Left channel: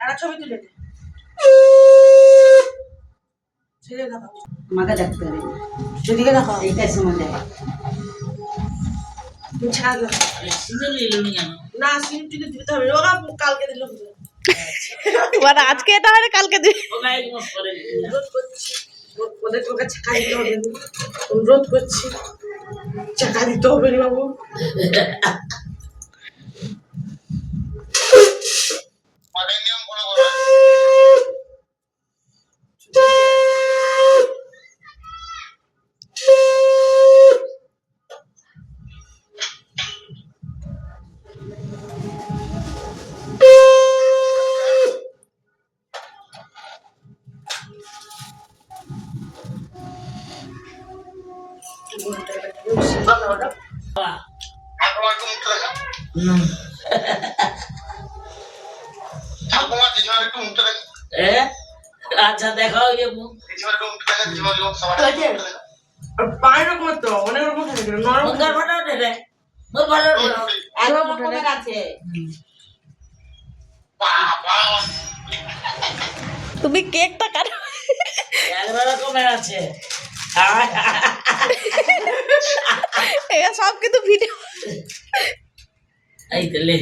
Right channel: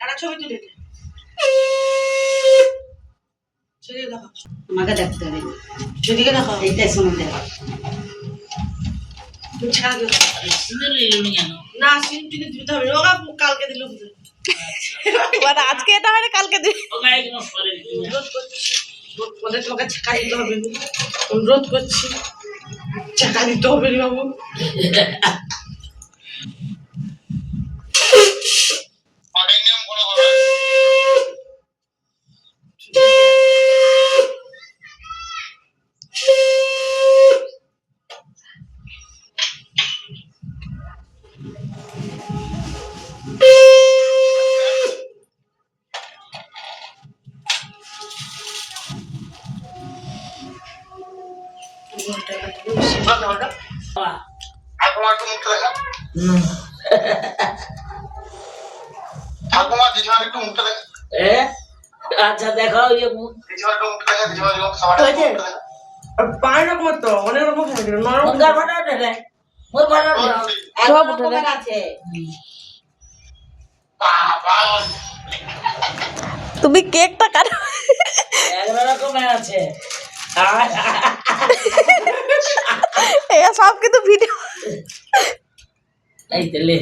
একটা ছবি তুলে দে। সেদিকে দেখাও, আমাকে দেখতে হবে, সেদিকে দেখাও। এইটাই সময় দেখা। তুমি ছাড়া দিও না, সিম টিকে দিতে হবে। ওরা কালকে দিল ওরা আজকে এটা মানে কালকে দিবে। রোধ করছি, ওদের তোমাকে ছাকা দিতে হবে। রোধ করছি, ছাকা দিতে হবে রে বাবু। আচ্ছা দেখাও ইয়ে মুখ পাঁচ রকমের তো অনেক রকম থাকে, নরম মুখের ফটো রে মোর ফটো সব উঠে আছে। তুমি কেকটা কাটো। এক রকমের আছে। এরা সব কিন্তু ভিডিও এই তো লে